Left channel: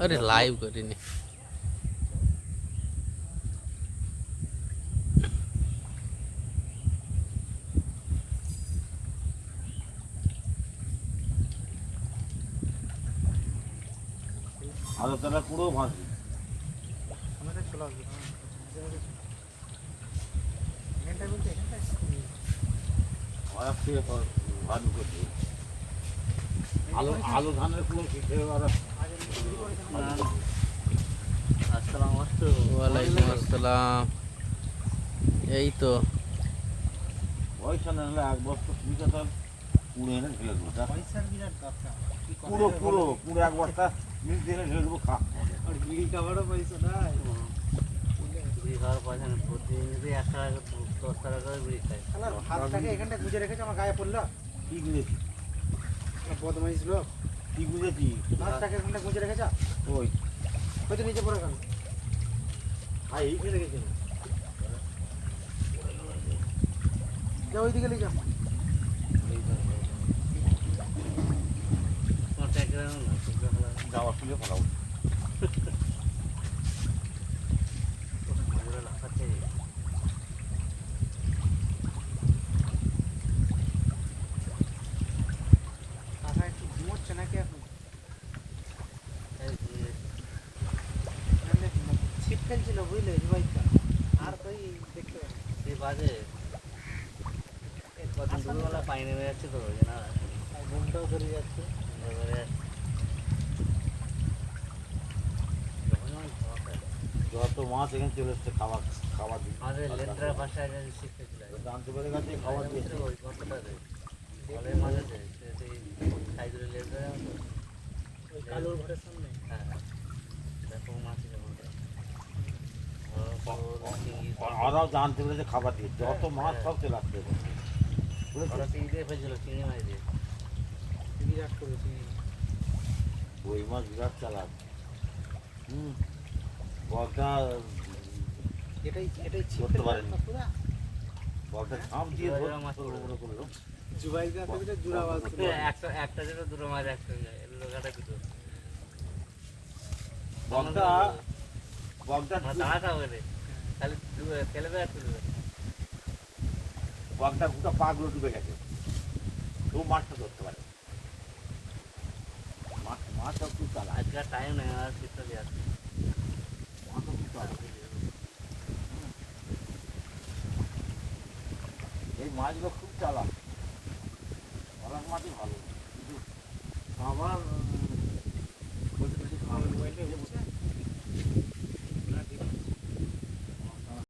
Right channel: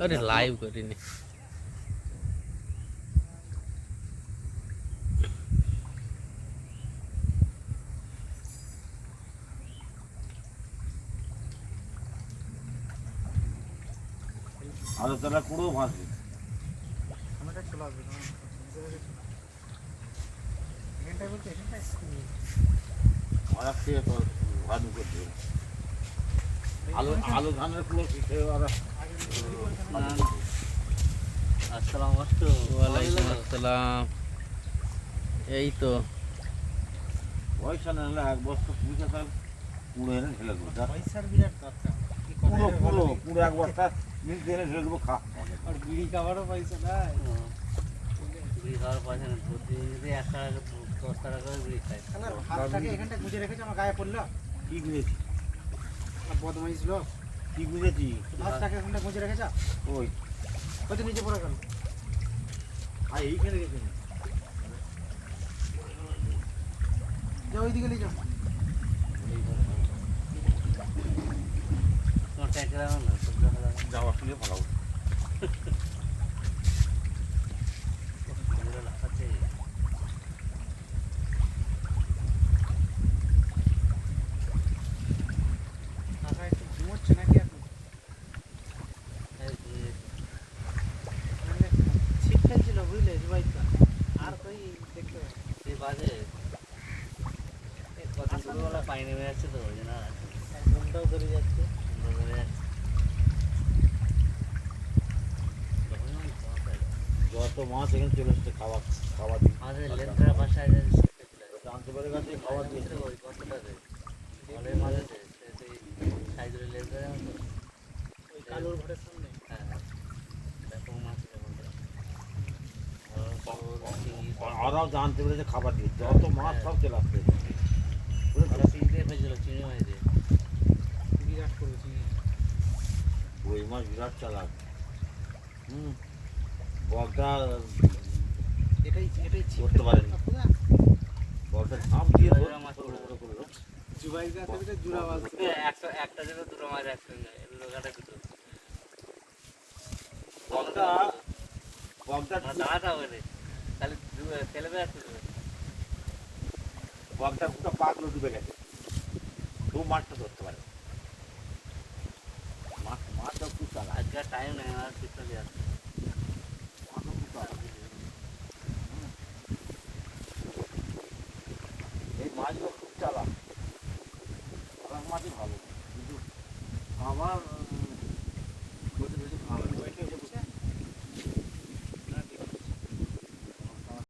अरे लाइव करीने আলোচনা পুরো ভাঙছে আমাদের চলে আসবে এখানটায় বলতে এখানটায় আর থেকে ভালো করছে আলো আলো ধানের পুরো খেতে আর আসসালামু আলাইকুম ওয়ালাইকুম আসসালাম এই তো পয়সা না হলে এক বস্তা পুজো তার পুরো এনে ঢেলে দেবো পয়সার বিরাট দরকার পুরো পুরো পুরো এক বস্তা মিট এনে ঢেলে দেবো খা আর বিড়ি খাবারও পয়সা নাই বিড়ি খাওয়ার পয়সা নেই প্রতিদিন 1 টাকা 10 টাকা করে বিড়ি খায় শালার হাতটাকে এখানটা গুজে রেখেছে আমার গায়ে পড়লো কি গুঁজেছি এক বদমাইশ লোক কি গুঁজেছি হাতটাকে এখানটা গুজে রেখেছে ওই হয়তো নিচে পড়ে গেল আর এইখানে গেছি যে ওইদিকে নিয়ে যাও যাওয়ার তুলে ফেলাও মাথায় একটু ঘুমোচ্ছে নাকি এখন মানে ছিট ফেলছিল বুঝলে জুবাইটা আর তুই দেখতে বাজে পানি নেমে যাচ্ছে তো ওই জন্য ঘুমটাও ধরে যাচ্ছে যত মাছ এখানে চলে এসছে খাওয়া খাওয়া দিয়ে আমাদের লেন্টার বাসায় শিখেছিল জানতে পারে গাছে খাওয়া দিয়েছে ওই কতটাতে জলের মাঝে সেই সাইজের লেন্টার ওই কালুর ঘরের সামনে হ্যাঁ দেখো মাছ ওরাও জানতে পেরেছে খাবার দিয়ে যত মাছ সব চলে আসছে ওরা চিংড়ি ফেলছিল চিংড়ি মাছ দিয়ে বিরাট করেছি ওই মাছ বিরাট চালাক বলটা এটাই করতে পারেনি বলটা ঝাঁপ দিয়ে জোড়া মাছ করলো জুবাই গাছে জুড়া মাছ একটা দেবে দুটো মাছ একসঙ্গে লোকাটা দুটো বলটা বলটা দাঁড়াটা বলে খালি ফেলে দেওয়া শুধু বলটা গোটা পাগুলো ডুবে গেছে কেউ মাছটা ধরতে পারে মাছটা খুব চালাক আজকে টাইম নেই আর কিছু দিয়ে আসছে এই মাছগুলো